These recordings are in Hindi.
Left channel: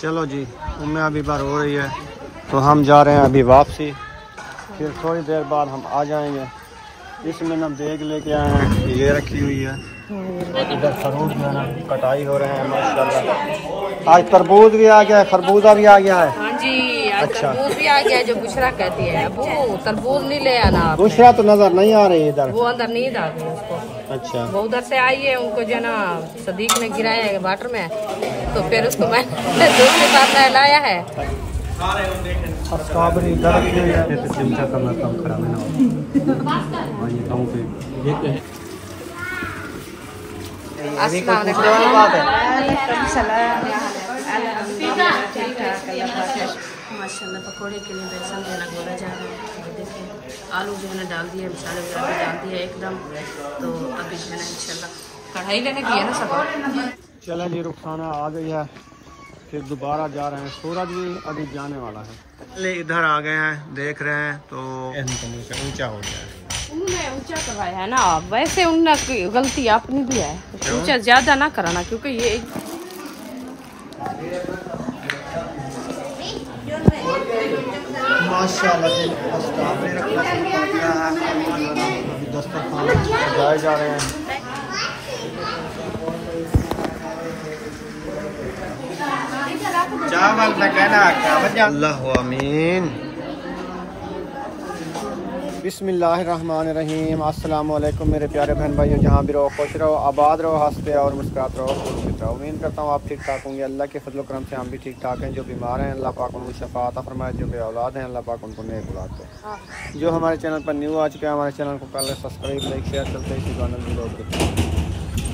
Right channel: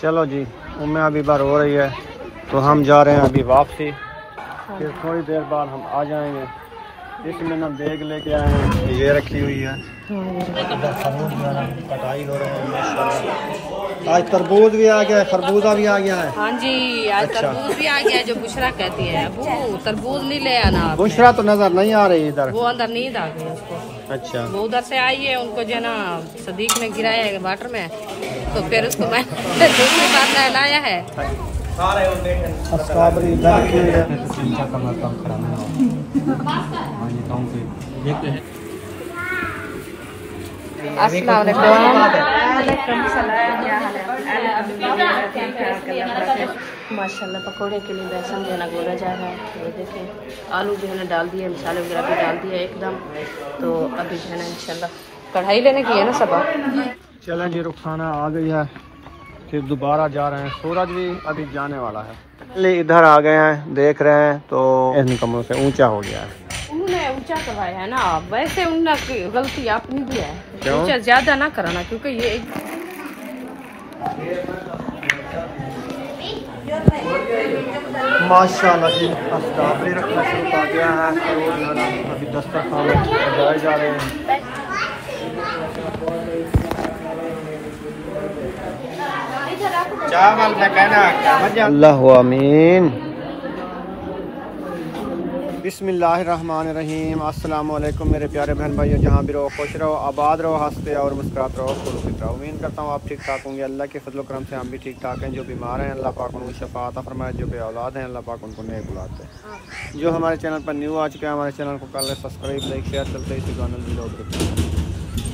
चलो जी, उम्मे अभी बार हो रही है तो हम जा रहे हैं अभी वापसी। फिर थोड़ी देर बाद हम आ जाएंगे। इसमें ना बैग लेके आए हैं, ये रखी हुई है। इधर खरबूज जो है ना कटाई हो रहे हैं माशाल्लाह। आज तरबूज भी आ गया है, खरबूजा भी आ गया है। हाँ जी, आज तरबूज भी आ गया है, जो बुशरा कहती है। वो तरबूज नहीं ले आना। बुशरा तो नजर नहीं आ रही इधर, वो अंदर नींद आ गई उसको। अच्छा, वो उधर से आई है, उनको जो है ना सदीक ने गिराया है वाटर में, तो फिर उसको मैं दूसरी बार नहलाया है। अस्सलाम माशाल्लाह। पकौड़े के लिए बेसन जो है ना घोला जा रहा है। ये देखिए आलू जो है ना डाल दिए, मसाले वगैरह भी डाल दिए एकदम। तो अभी जो है ना इंशाल्लाह कढ़ाई लेने की है ना सब। चलें जी, रुखसाना आ गई है, फिर दोबारा जा रहे हैं। सूरज भी अभी जाने वाला है। इधर आ गए हैं, देख रहे हैं तो इन कमरों से ऊंचा हो गया है। उन्होंने ऊंचा करवाया है ना, वैसे उन्होंने गलती आपने भी है। ऊंचा ज्यादा ना कराना, क्योंकि ये माशाल्लाह जी स्ट्रॉबेरी रखना शुरू कर दिया है। अभी दस्तरखान सजाए जा रहे हैं। अल्लाह आमीन। बिस्मिल्लाहिर्रहमानिर्रहीम। अस्सलाम वालेकुम मेरे प्यारे बहन भाइयों, जहाँ भी रहो खुश रहो, आबाद रहो, हंसते और मुस्कुराते रहो, खुश रहो। उम्मीद करता हूँ आप ठीक ठाक होंगे। अल्लाह के फजल करम से हम भी ठीक ठाक हैं। जो बीमार हैं अल्लाह पाक उनको शफा अता फरमाए, जो बे औलाद हैं अल्लाह पाक उनको नेक औलाद दे। जो हमारे चैनल पर न्यू आ चुके हैं, हमारे चैनल को कर ले सब्सक्राइब, लाइक, शेयर, चलते इसी को आनंद लो।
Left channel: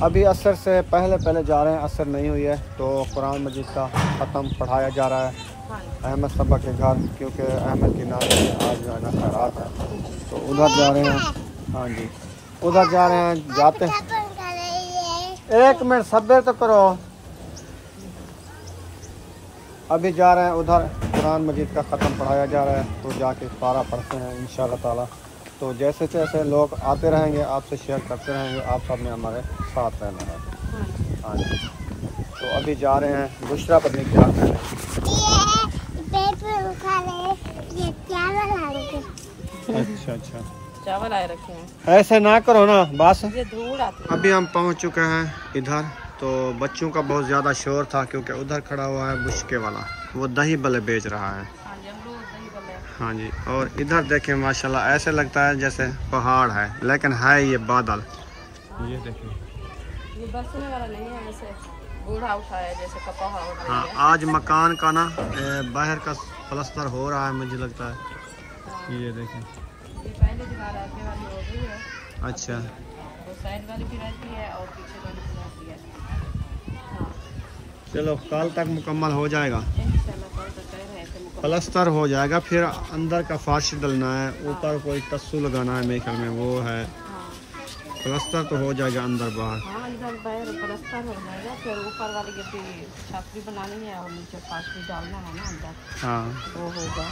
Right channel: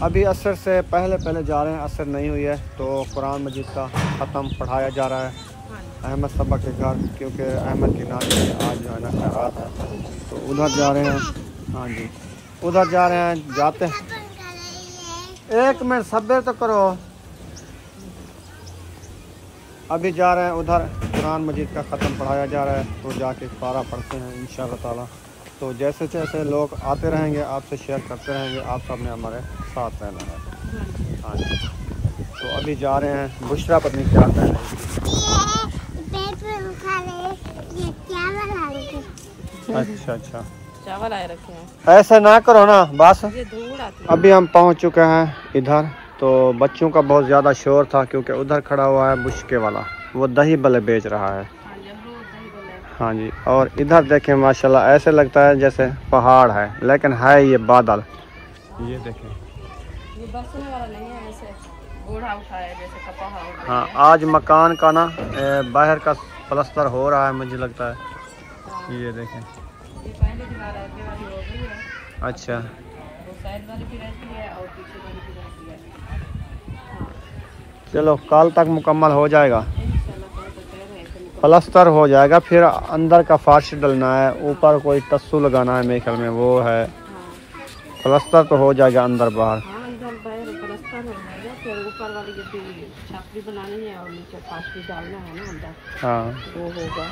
अभी असर से पहले जा रहे हैं, असर नहीं हुई है तो कुरान मजीद का ख़त्म पढ़ाया जा रहा है अहमद सबा के घर, क्योंकि अहमद की नानी की आज जो है ना खैरात है, तो उधर जा रहे हैं। हाँ जी, उधर जा रहे हैं, जाते हैं। एक मिनट सब्र तो करो। अभी जा रहे हैं उधर, कुरान मजीद का ख़त्म पढ़ाया जा रहा है, तो जाके पारा पढ़ते हैं इंशाअल्लाह ताला। तो जैसे जैसे लोग आते रहेंगे आपसे शेयर करते रहेंगे, आप सब ने हमारे साथ रहना है। हाँ जी, तो अभी जा रहे हैं। बुशरा पत्नी क्या कर रहे हैं? अच्छा, चावल आए रखे हैं। ऐसे ना करो ना बस। ये धूल आती है। अभी हम पहुंच चुके हैं इधर, तो बच्चों का बहुत ज़्यादा शोर था, क्योंकि उधर खड़ा हुआ है बुशके वाला, वो दही बल्ले बेच रहा है। हाँ जी, और इधर देखें माशाल्लाह ऐसे लगता है जैसे पहाड़ है, लेकिन है ये बादल। ये देखिए, ये बरसने वाला नहीं है, ऐसे बूढ़ा उठा है जैसे कपड़ा। हाँ, आज मकान का ना बाहर का प्लास्टर हो रहा है मुझे लगता है। ये देखें, ये पहले दीवार आगे वाली हो गई है। अच्छा, वो साइड वाली भी रहती है और पीछे वाली भी रहती है। हाँ, चलो कल तक मुकम्मल हो जाएगा, इंशाल्लाह कल तक कह रहे हैं प्लास्टर हो जाएगा। फिर अंदर का फर्श डलना है, ऊपर कोई तस्सू लगाना है मेरे ख्याल में, वो है। प्लास्टर तो हो जाएगा अंदर बाहर। हाँ, अंदर बाहर प्लास्टर हो जाएगा, फिर ऊपर वाली जो छापरी बनानी है और नीचे फर्श भी डालना है ना अंदर। हाँ, वो होगा।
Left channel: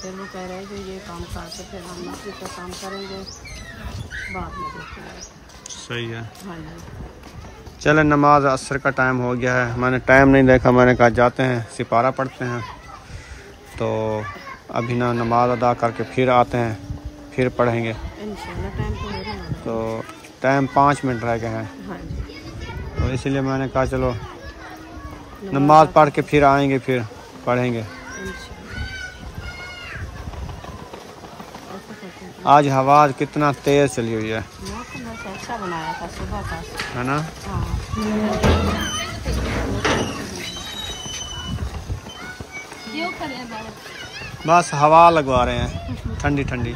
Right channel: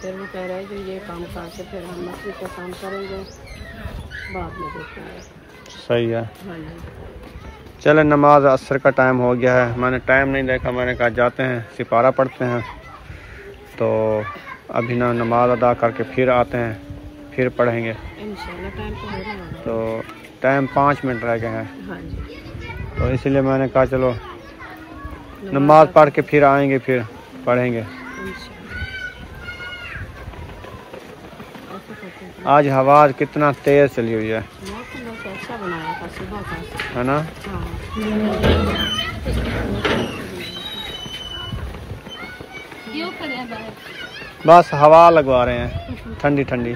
फिर वो कह रहे हैं कि ये काम करके फिर हम मछली का काम करेंगे, बाद में देखेंगे। सही है। हाँ जी, चले, नमाज असर का टाइम हो गया है, मैंने टाइम नहीं देखा, मैंने कहा जाते हैं सिपारा पढ़ते हैं। तो अभी ना नमाज अदा करके फिर आते हैं, फिर पढ़ेंगे इंशाल्लाह। टाइम तो होने वाला है, तो टाइम 5 मिनट रह गए हैं। हाँ जी, तो इसलिए मैंने कहा चलो नमाज पढ़ के फिर आएंगे, फिर पढ़ेंगे। आज हवा कितना तेज चली हुई है, अच्छा बनाया था सुबह का, है ना? हाँ। बस हवा लगवा रहे हैं ठंडी ठंडी।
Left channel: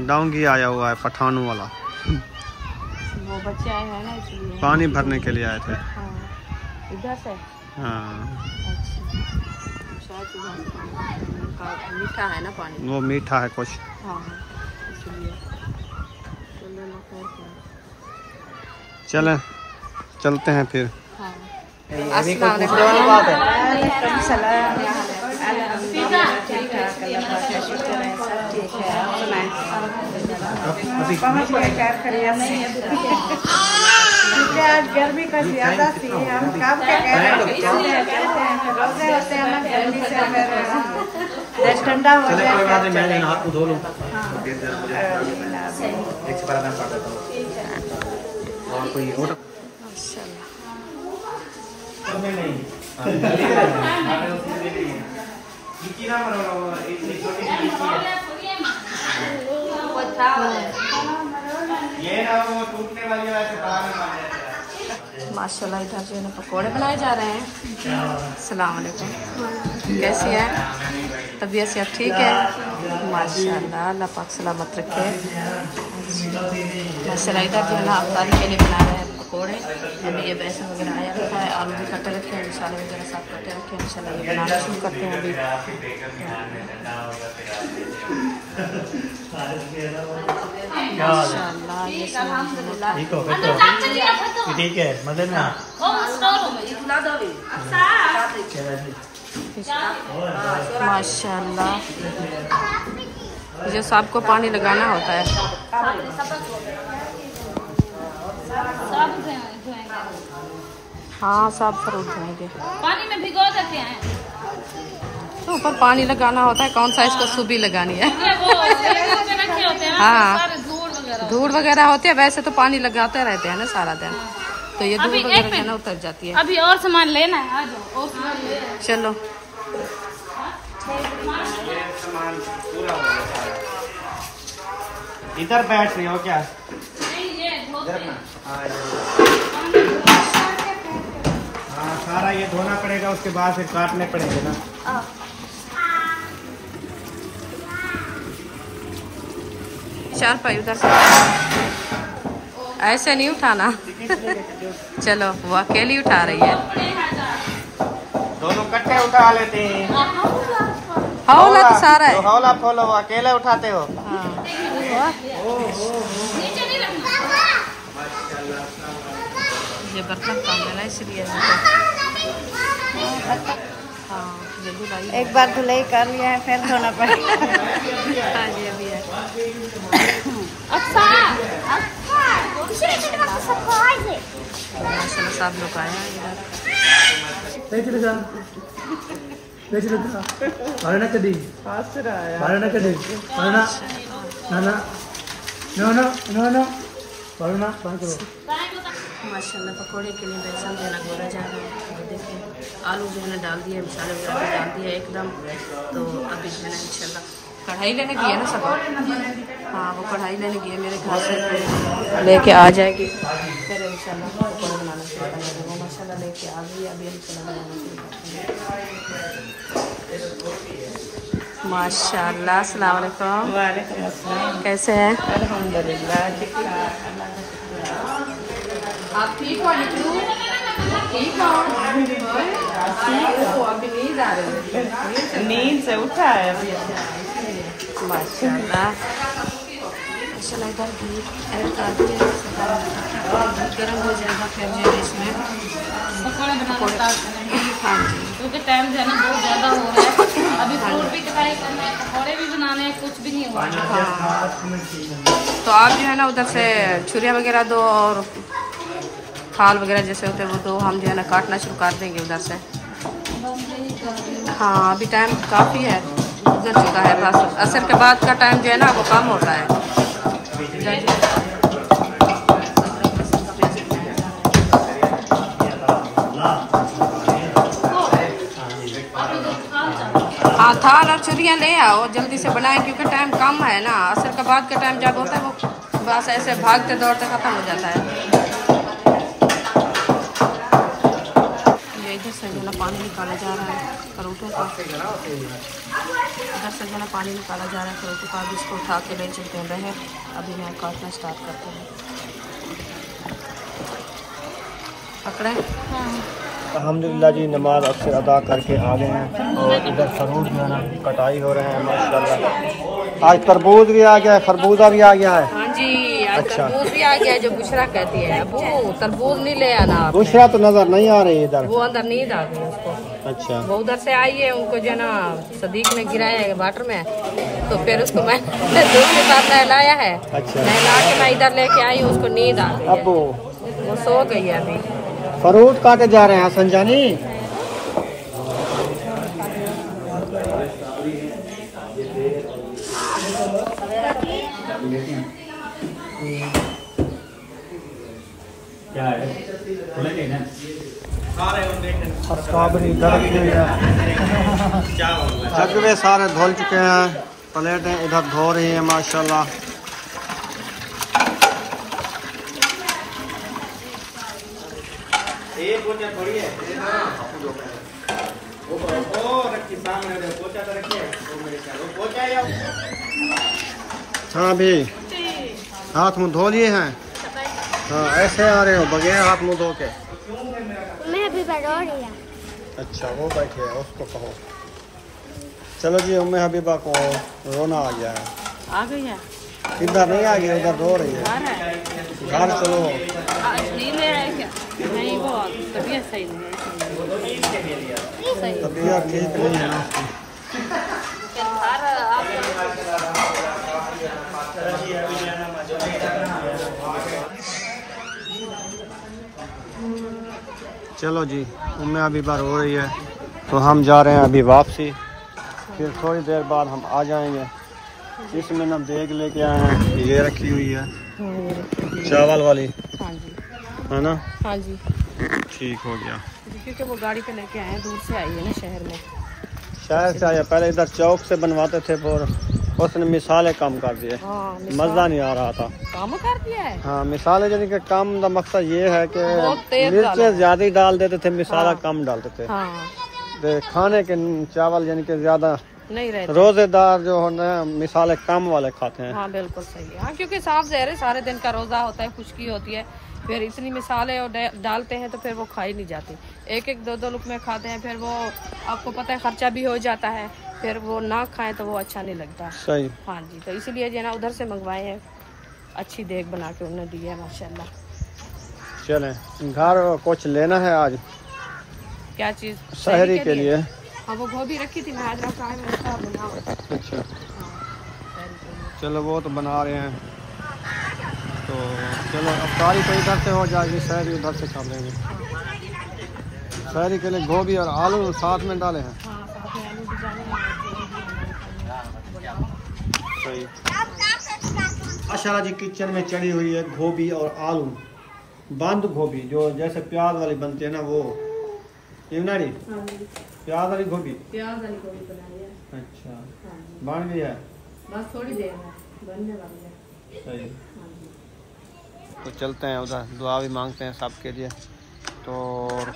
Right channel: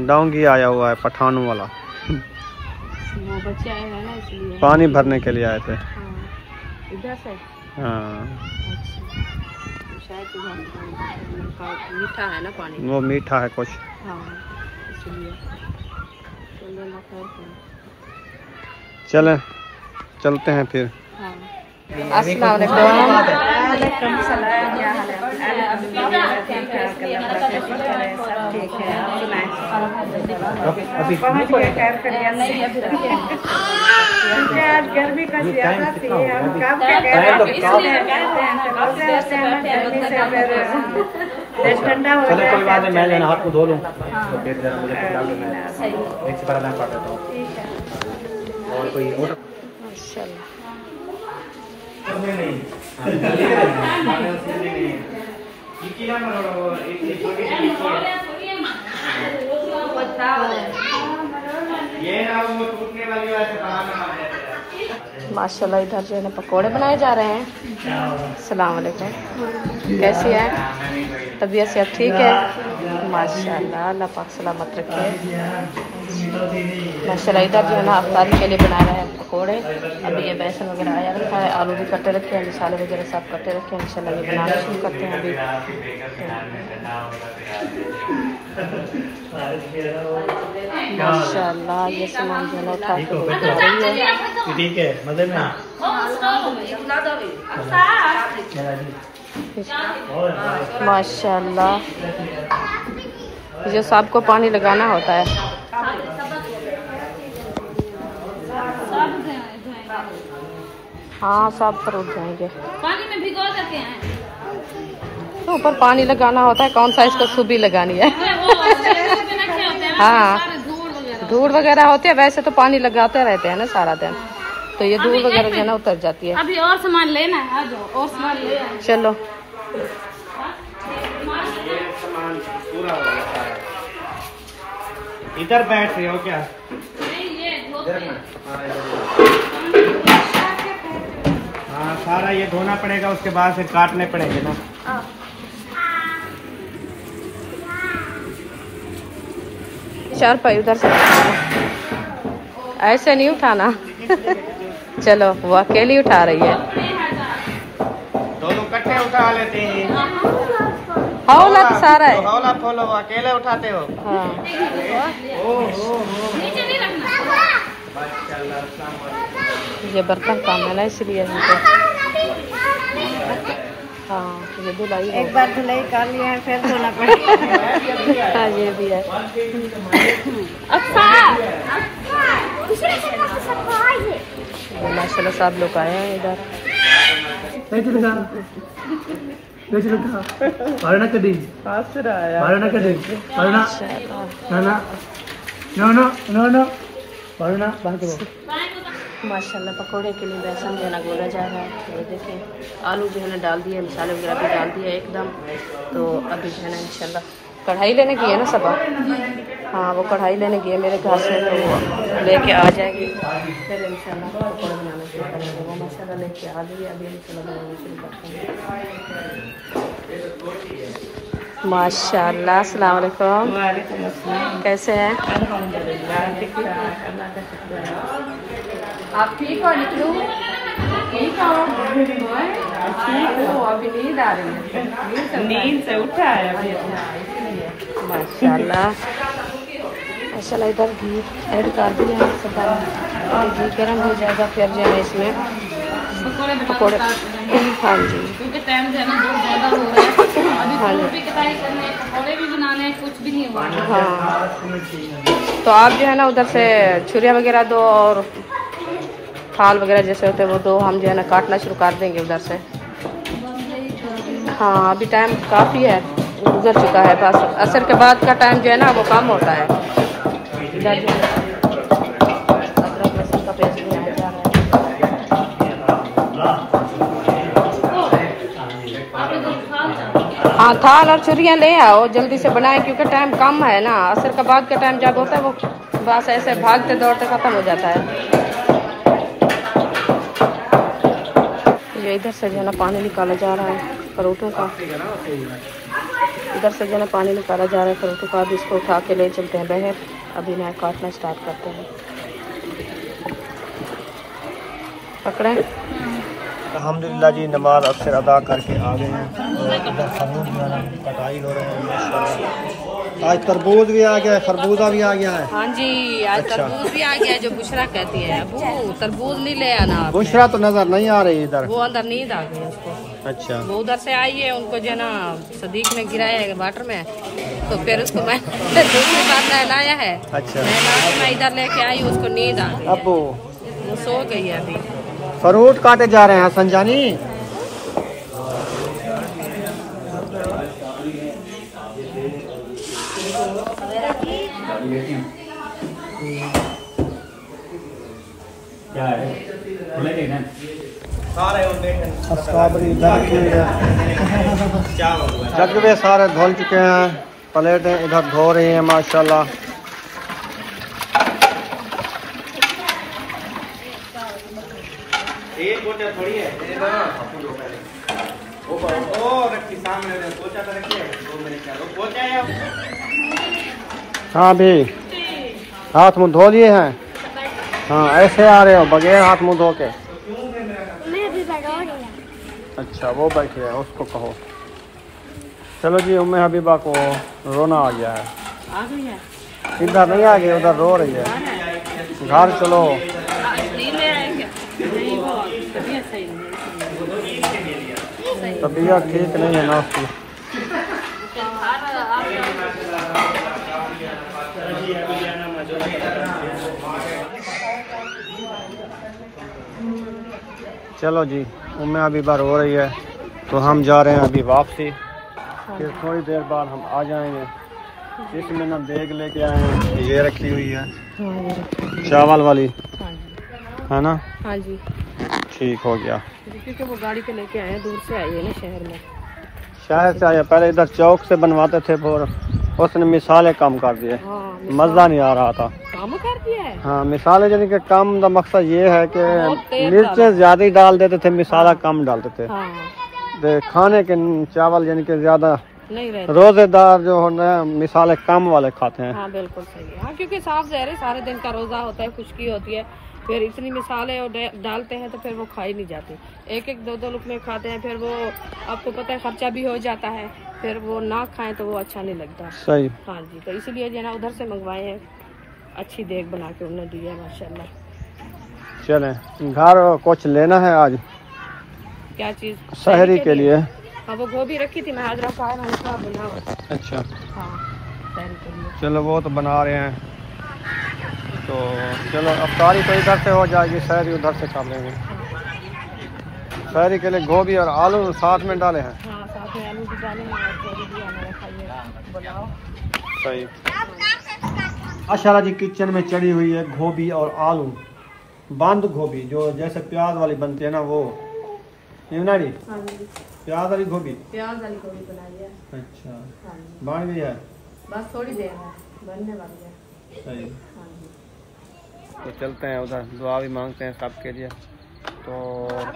डोंगी आया हुआ है पठानों वाला, वो बच्चे आए हैं ना इसलिए पानी भरने के लिए आए थे। इधर से। हाँ, मीठा है ना पानी, वो मीठा है कुछ। हाँ, इसलिए चलें, चलते हैं फिर। हाँ। अस्सलाम वालेकुम। वालेकुम सलाम। क्या हाल है? अल्हम्दुलिल्लाह ठीक ठाक, अल्लाह का शुक्र है, सब ठीक है। आप सुनाएं? गर्मी का ज्यादा सी है, हम काम क्या कह रहे हैं, ठंडा हो जाए। कोई बात नहीं, मैं जाना आपको धो लूँ तो फिर जरा मुझे और कोई और माशाल्लाह। माशाल्लाह इधर जो है ना पकोड़े बनाए जा रहे हैं। अस्सलाम वालेकुम, कैसी है तबीयत से? अब ठीक है माशाल्लाह, अल्लाह पाक सलामत रखे। माशाल्लाह इधर जो है ना अफ्तारी के लिए बना रहे हैं पकोड़े। अभी ये बेसन वगैरह आया रखा है, आलू भी कटे रखे हैं, मसाले वगैरह सब कटे रखे हैं। इंशाल्लाह ये बनाना शुरू करते हैं अभी। माशाल्लाह ये सामान जो है ना उठा के लेके आ रही है। ठीक है, मजे में माशाल्लाह जो सबको पानी लगाना होता है। हाँ सब फ्रूट धोएंगे, पानी में भिगो देते हैं तो ऊपर पानी लगाना होता है। कौन सा इसको सुबी लगानी है? हाँ धूल वगैरह होती है, वैसे तो पानी लगाते रहते हैं ना सारा दिन, तो ये धूल वगैरह जो है ना उतर जाती है। अभी और सामान लेना है, आ जाओ और सामान ले। चलो सामान पूरा हो गया सारा। इधर बैठ रही हो क्या? हाँ सारा ये धोना पड़ेगा, उसके बाद फिर काटने पड़ेंगे ना। चार पाई उधर से ऐसे नहीं उठाना। चलो वो अकेली उठा रही है। दोनों कट्टे उठा लेते हैं। हौला तो सारा है। हौला फॉलो अकेले उठाते हो? हाँ ये बर्तन काम है ना इसलिए इनको। हाँ ये धुलाई एक बार धुलाई कर लिया है फिर धोना पड़ेगा। हाँ ये भी है। माशाल्लाह सब लोग आए हैं इधर। माशाल्लाह पकोड़े के लिए बेसन जो है ना घोला जा रहा है। ये देखिए आलू जो है ना डाल दिए, मसाले वगैरह भी डाल दिए एकदम। तो अभी जो है ना इंशाल्लाह कढ़ाई लेने की है ना सब। हाँ वो कढ़ाई लेने की है मेरे घर से, तो वो लेके आ जाएगी फिर इंशाल्लाह पकोड़े बनाना शुरू करेंगे। वो माशाल्लाह लेके आ गई, अभी इंशाल्लाह बनाना शुरू करते हैं। माशाल्लाह अस्सलाम वालेकुम, कैसे हैं? आप ठीक हो? निकलू ठीक हो? ठीक हो? अभी नींद आ रही है? नींद से उठा है अभी। माशाल्लाह माशाल्लाह इधर घी ऐड कर दिया है सब। घी गर्म हो जाएगा फिर जो है इसमें पकोड़े। हाँ जी क्योंकि टाइम जो है ना बहुत ज़्यादा हो रहा है। अभी फूल भी कटाई करना है, पकोड़े भी बनाने हैं, कुछ भी नहीं हुआ। हाँ तो आप जो है ना उधर से छुरिया वगैरह दो और थाल वगैरह जैसे होते हैं वो दो, हम जो है ना काटना शुरू कर देंगे उधर से। हाँ अभी टाइम काफ़ी है, गुजर चुका है, बस असर के बाद का टाइम जो है ना वो कम होता है। इधर जो अदरक लहसुन का पेस्ट बनाया जा रहा है। हाँ थाल और छुरियाँ ले आओ जल्दी से बनाएं क्योंकि टाइम कम है ना। असर के बाद का टाइम जब होता है वो बस ऐसे भागते दौड़ते ख़त्म हो जाता है। ये इधर से जो है ना पानी निकाला जा रहा है परोठों का, इधर से जो है ना पानी निकाला जा रहा है परोठों का। अभी इसको उठा के ले चलते हैं बाहर, अभी नया काटना स्टार्ट करते हैं। पकड़े अल्हम्दुलिल्लाह जी, नमाज अक्सर अदा करके आ गए हैं और इधर फरूट जो है ना कटाई हो रहे हैं माशाल्लाह। आज तरबूज भी आ गया है, खरबूजा भी आ गया है। हाँ जी, आज अच्छा। तरबूज भी आ गया है, जो बुशरा कहती है। वो तरबूज नहीं ले आना आप। बुशरा तो नजर नहीं आ रही इधर। वो अंदर नींद आ गई उसको। अच्छा। वो उधर से आई है, उनको जो है ना सदीक ने गिराया है वाटर में, तो फिर उसको मैं दूसरी बार नहलाया है। अच्छा। नहला के मैं इधर लेके आई, उसको नींद आ गई है, अबू वो सो गई है अभी। फ्रूट काटे जा रहे हैं संजानी। क्या है खुले नहीं ना जगवे सारे धुल चुके हैं, प्लेटें इधर धो रही हैं माशाल्लाह। हाँ भी हाथ मुंह धो लिए हैं। हाँ ऐसे आ रहे हो बगैर हाथ मुंह धो के। मैं भी बड़ा रही। अच्छा वो बैठी है, उसको कहो। चलो जी, उम्मे हबीबा को रोना आ गया है। आ गई है, इधर नहीं आ गई, उधर रो रही है। घर चलो। नहीं ले आए क्या? नहीं, वो तबीयत सही नहीं है। तबीयत ठीक नहीं है ना उसकी। चलो जी, उम्मे हबीबा रो रही है तो हम जा रहे हैं अभी वापसी। फिर थोड़ी देर बाद हम आ जाएंगे। इसमें हम देग लेके आए हैं, ये रखी हुई है चावल वाली, हाँ जी, है ना। हाँ जी, ठीक हो गया। क्योंकि वो गाड़ी पे लेके आए हैं, दूर से आई है ना शहर में। शहर से आया, पहले इधर चौक से बनवाते थे, फिर उसने मिसाले कम कर दिए। हाँ, मज़ा नहीं आ रहा था। काम कर दिया है। हाँ, मिसाले यानी कि कम का मकसद ये है कि बहुत तेज मिर्चें ज्यादा ही डाल देते थे, मिसाला कम डालते थे। हाँ, तो खाने के चावल यानी कि ज्यादा नहीं रहते। रोजेदार जो होता है मिसाले कम वाले खाते हैं। हाँ बिल्कुल सही है। हाँ, क्योंकि साफ ज़हर है, सारे दिन का रोज़ा होता है, खुशकी होती है, फिर इतनी मिसालें और डालते हैं तो फिर वो खाई नहीं जाती। एक एक दो दो लुकमे खाते हैं, फिर वो आपको पता है खर्चा भी हो जाता है, फिर वो ना खाएं तो वो अच्छा नहीं लगता। सही। हाँ जी, तो इसलिए जो है ना उधर से मंगवाए हैं, अच्छी देख बना के उन्हें दी है माशाल्लाह। चले घर कुछ लेना है आज क्या चीज़? शहरी के लिए। हाँ, वो गोभी रखी थी, मैं हाजरा का है, मैंने कहा बनाओ। अच्छा हाँ, शहरी के लिए। चलो वो तो बना रहे हैं, तो चलो अफ्तारी तो इधर से हो जाएगी, शहरी उधर से कर लेंगे। शहरी के लिए गोभी और आलू साथ में डाले हैं। हाँ, साथ में आलू भी डालेंगे और गोभी भी हमारे खाइए, बनाओ। सही। माशाल्लाह जी, किचन में चढ़ी हुई है गोभी और आलू, बंद गोभी जो जैसे प्याज वाली बनती है ना, वो इमनारी हाँ जी, प्याज वाली गोभी। प्याज वाली गोभी बनाई है। अच्छा, हाँ जी, बन गई है। बस थोड़ी देर है, बनने वाली है। सही। हाँ जी, तो चलते हैं उधर, दुआ भी मांगते हैं सबके लिए। तो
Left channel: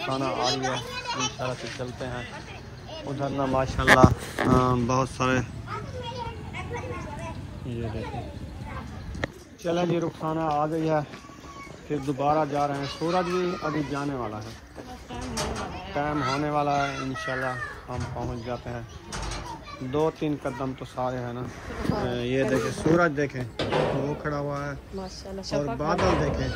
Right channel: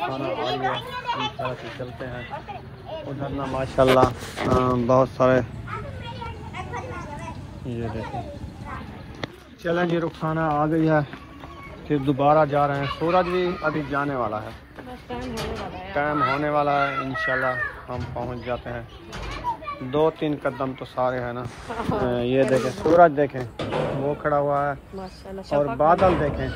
खाना आ रही है इंशाल्लाह से चलते हैं उधर में। माशाल्लाह बहुत सारे, ये देखें। चलें जी, रुखसाना आ गई है, फिर दोबारा जा रहे हैं। सूरज भी अभी जाने वाला है, बस टाइम होने वाला है। टाइम होने वाला है, इंशाल्लाह हम पहुंच जाते हैं। 2-3 कदम तो सारे हैं ना। ये देखें, सूरज देखें वो खड़ा हुआ है, माशाल्लाह, और बादल देखें,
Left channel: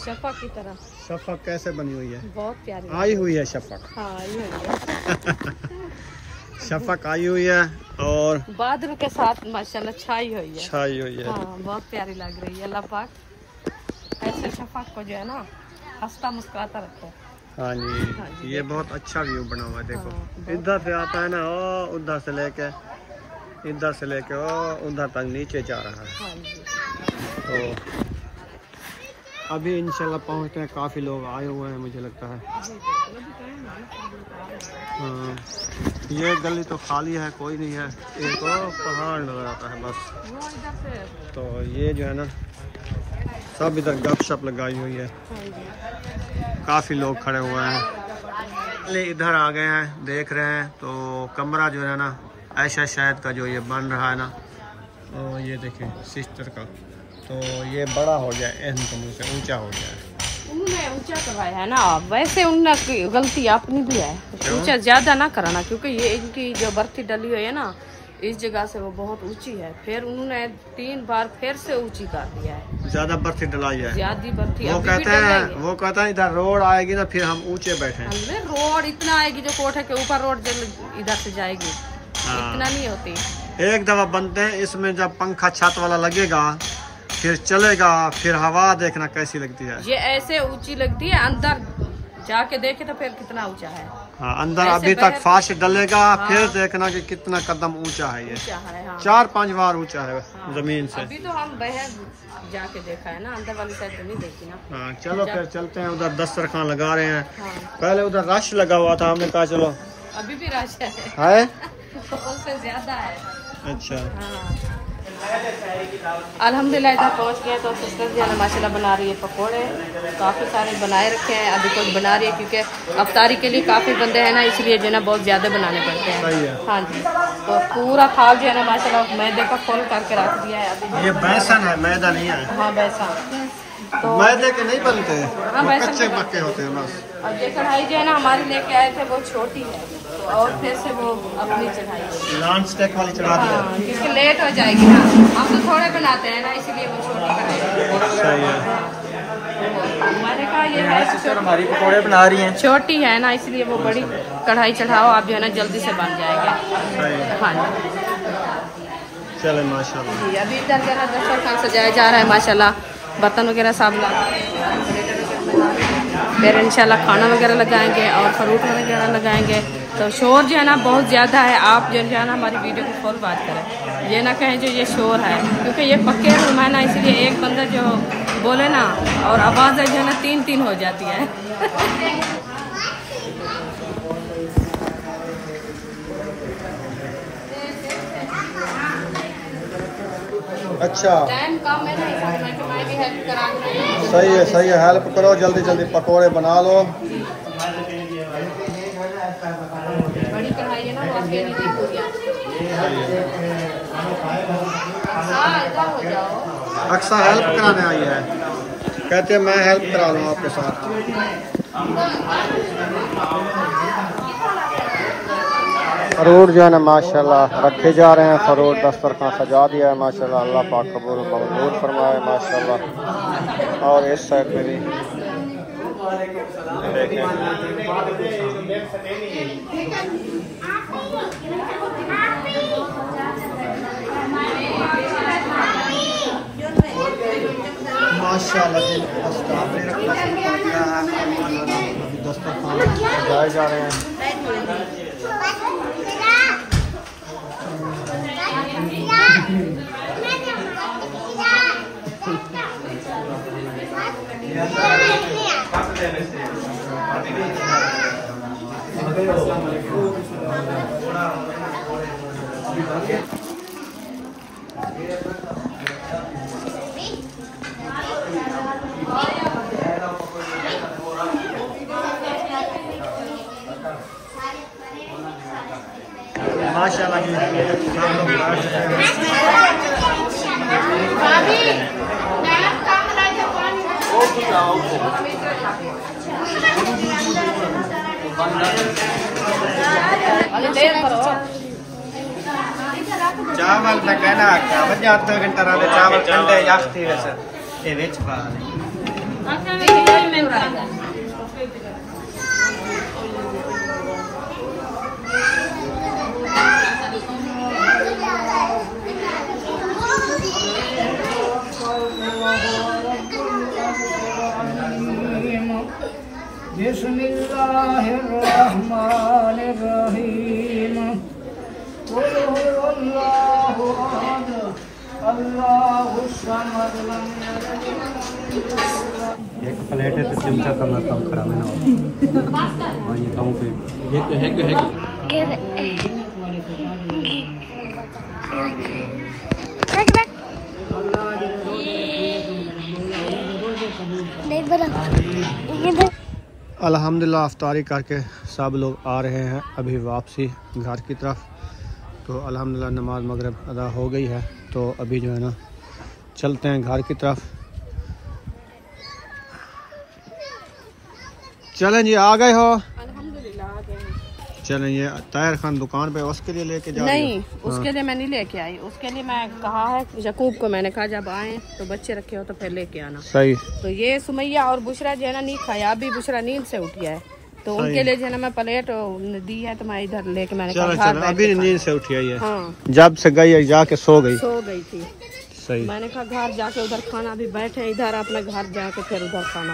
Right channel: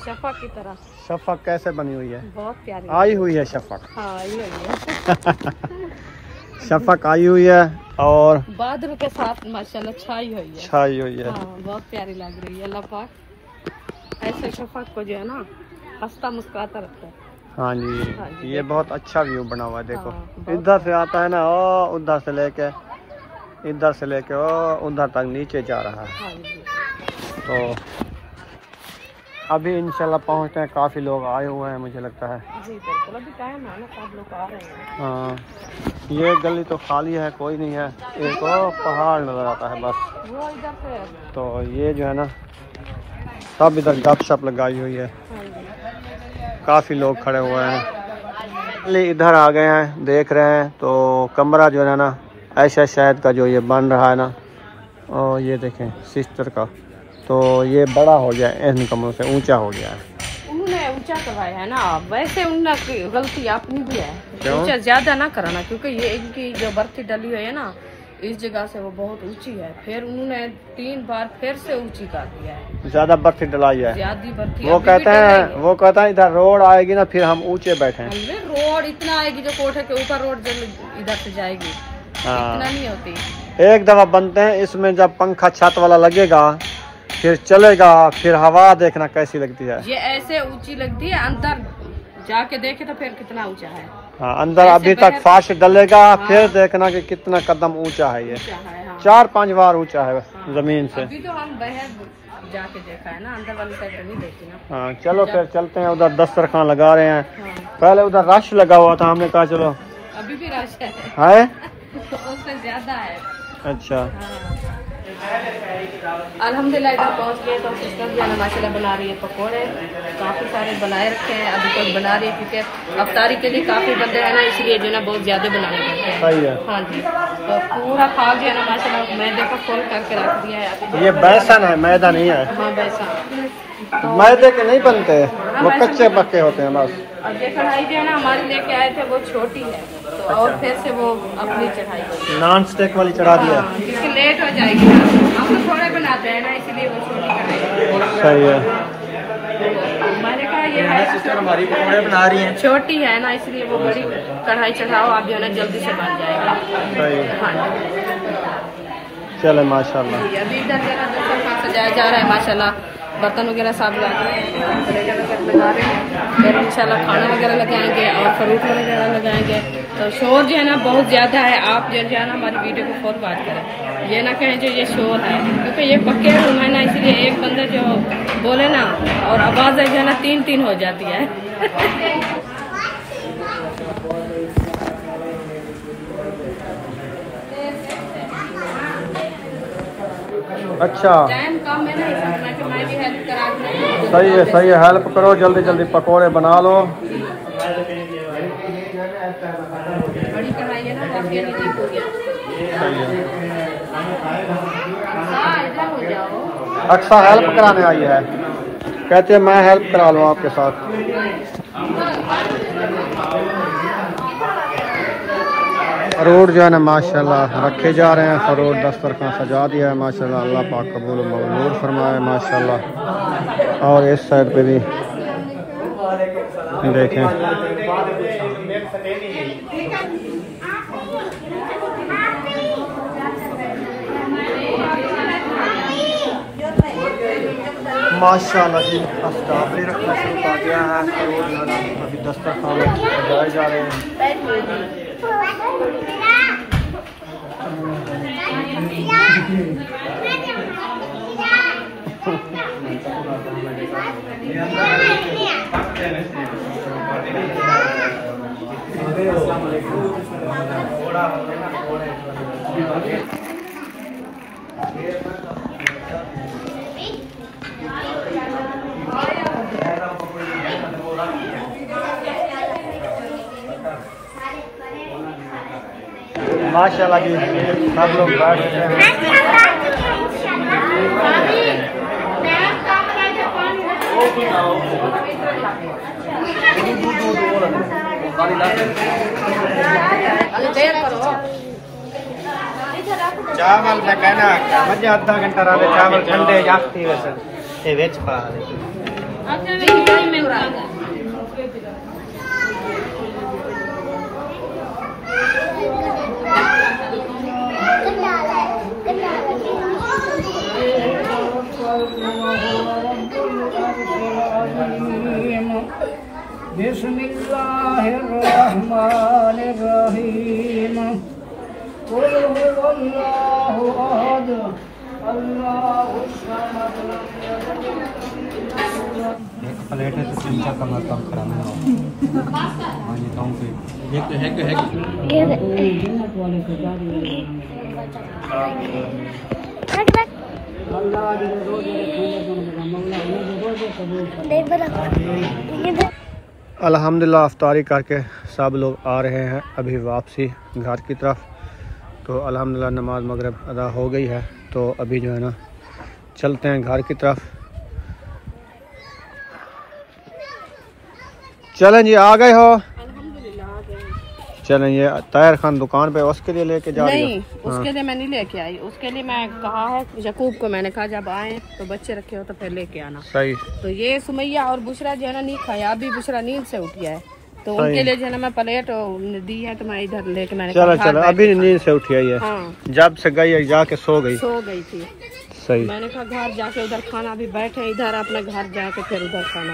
शफक की तरह शफक कैसे बनी हुई है, बहुत प्यारी। आई हुई है शफक। हाँ, ये शफक आई हुई है और बादल के साथ माशाल्लाह छाई हुई है। छाई हुई है। हाँ, बहुत प्यारी लग रही है। अल्लाह पाक ऐसे शफक को जो है ना हंसता मुस्कुराता रखते हैं। हाँ जी, ये बहुत अच्छा व्यू बना हुआ है। देखो हाँ, इधर से आता है ना, ओ उधर से लेके इधर से लेके ओ उधर तक नीचे जा रहा है। हाँ जी, तो अभी इंशाल्लाह पहुंचते हैं, काफ़ी लोग आए हुए हैं मुझे लगता है। जी बिल्कुल, अभी टाइम है ना, सब लोग आ रहे हैं। हाँ, ये गली तो खाली है, कोई नहीं है, एक और पहाड़ नज़र आता है बस। वो इधर से है। तो ये जो है ना, सब इधर गपशप लगाई हुई है, काफ़ी लोग खड़े हुए हैं। इधर आ गए हैं, देख रहे हैं। तो कमरा जो है ना ऐशा शायद का जो ये बन रहा है ना, और ये देखें सिस्टर का, तो ये बड़ा हो गया है, इन कमरों से ऊंचा हो गया है। उन्होंने ऊंचा करवाया है ना, वैसे उन्होंने गलती अपनी भी है, ऊंचा ज्यादा ना कराना, क्योंकि ये इनकी जो बर्ती डली हुई है ना, इस जगह से वो बहुत ऊंची है, फिर उन्होंने 3 बार फिर से ऊंची कर दिया है, ज्यादा बर्फी डलाई है। ज्यादा बर्फी। वो कहता है इधर रोड आएगी ना फिर हम ऊंचे बैठे। रोड इतना आएगी जो कोठे के ऊपर रोड इधर से जाएगी, इतना नहीं होती। एक दफा बनते हैं इसमें, जब पंखा छत वाला लगेगा फिर चलेगा, फिर हवा देखना कैसी लगती है। ये ऐसे ऊंची लगती है, अंदर जाके देखे तो फिर कितना ऊंचा है। हाँ, अंदर अभी तक फास्ट डलेगा। हाँ, फिर देखना कि कितना कदम ऊंचा है ये। हाँ। 4-5 बार ऊंचा है जमीन से। अभी तो हम बाहर जाके देखा है ना, अंदर वाली साइड तो नहीं देखी ना। हाँ चलो फिर चलते हैं। उधर दस्तरखान लगा रहे हैं। हाँ। पहले उधर रश लगा हुआ था, हमने कहा चलो। अभी भी रश है उससे ज्यादा है। अच्छा। हाँ। अल्हम्दुलिल्लाह इधर पहुँच गए तो सिस्टर जो है माशाल्लाह बना रही है पकौड़े, काफ़ी सारे बनाए रखे हैं, अभी तक बना रही है क्योंकि अफ्तारी के लिए काफ़ी बंदे हैं ना, इसलिए जो है ना बहुत ज़्यादा बनाने पड़ते हैं। सही है। हाँ जी, तो पूरा खाल जो है ना माशाल्लाह मैदे का खोल करके रख दिया है। ये बेसन है, मैदा नहीं है। हाँ बेसन, मैदे के नहीं बनते, वो कच्चे पक्के होते हैं बस। और ये कढ़ाई जो है ना हमारे लेके आए थे वो छोटी है, तो और फिर से वो अपनी चढ़ाई नॉन स्टिक वाली चढ़ा दिया, क्योंकि लेट हो जाएगी ना, हम तो थोड़े बनाते हैं ना, इसीलिए वो छोटी कढ़ाई। सही है। मैंने कहा ये है बना रही है छोटी है ना, इसलिए वो बड़ी कढ़ाई चढ़ाओ, आप जो है ना जल्दी से बन जाएगा। सही है। चले माशाल्लाह। अभी इधर जो है ना सजाया जा रहा है माशाल्लाह, बर्तन वगैरह सब फिर इंशाल्लाह खाना वगैरह लगाएंगे और फ्रूट वगैरह लगाएंगे। तो शोर जो है ना बहुत ज़्यादा है, आप जो है ना हमारी वीडियो को फॉलो बात करें, ये ना कहें जो ये शोर है, क्योंकि ये पक्के रूम है ना, इसलिए एक बंदा जो बोले ना और आवाज़ जो है ना 3-3 हो जाती है। अच्छा टाइम कम है ना, मैं भी हेल्प करा दूँ। सही है, हेल्प करो, जल्दी जल्दी पकोड़े बना लो। बड़ी कढ़ाई है ना, वो आपके लिए नहीं पूरी अक्सर हेल्प कराने आई है, कहते हैं मैं हेल्प करा लूँ आपके साथ। फ्रूट जो है ना माशाल्लाह रखे जा रहे हैं, फ्रूट दस्तरखान सजा दिया है माशाल्लाह। अल्लाह पाक कबूल व मंजूर फरमाए माशाल्लाह। और इस साइड पे भी देखें, माशाल्लाह जी स्टाफ ने रखना शुरू कर दिया है। फ्रूट जो है ना अभी दस्तरखान सजाए जा रहे हैं। माशाल्लाह जी सब लोग चावल मैं कहना वजह आधा घंटा रहा चावल ठंडे जाते वैसे ते विच पा बिस्मिल्लाहिर्रहमानिर्रहीम कुल हुवल्लाहु अहद अल्लाहुस समद एक प्लेट से चमचा करना काम कराना है ये तो है अल्हम्दुलिल्लाह अफ्तारी करके सब लोग आ रहे हैं अभी वापसी घर की तरफ। तो अल्हम्दुलिल्लाह नमाज मगरिब अदा हो गई है, तो अभी जो है ना चलते हैं घर की तरफ। चलें जी, आ गए हो? अल्हम्दुलिल्लाह आ गए। चलें ये ताहिर खान दुकान पे उसके लिए लेके जा रही हो? नहीं, उसके लिए मैं नहीं लेके आई। उसके लिए मैं कहा है यकूब को, मैंने कहा जब आए तो बच्चे रखे हो तो फिर लेके आना। सही। तो ये सुमैया और बुशरा जो है ना नहीं खाया, अभी बुशरा नींद से उठिया है तो उनके लिए जो है ना मैं प्लेट दी है तो मैं इधर लेके मैंने चलो अभी नींद से उठी है। जब से गई जाके सो गई थी। सही। मैंने कहा घर जाके उधर खाना, अभी बैठे इधर अपना घर जाके फिर उधर खाना।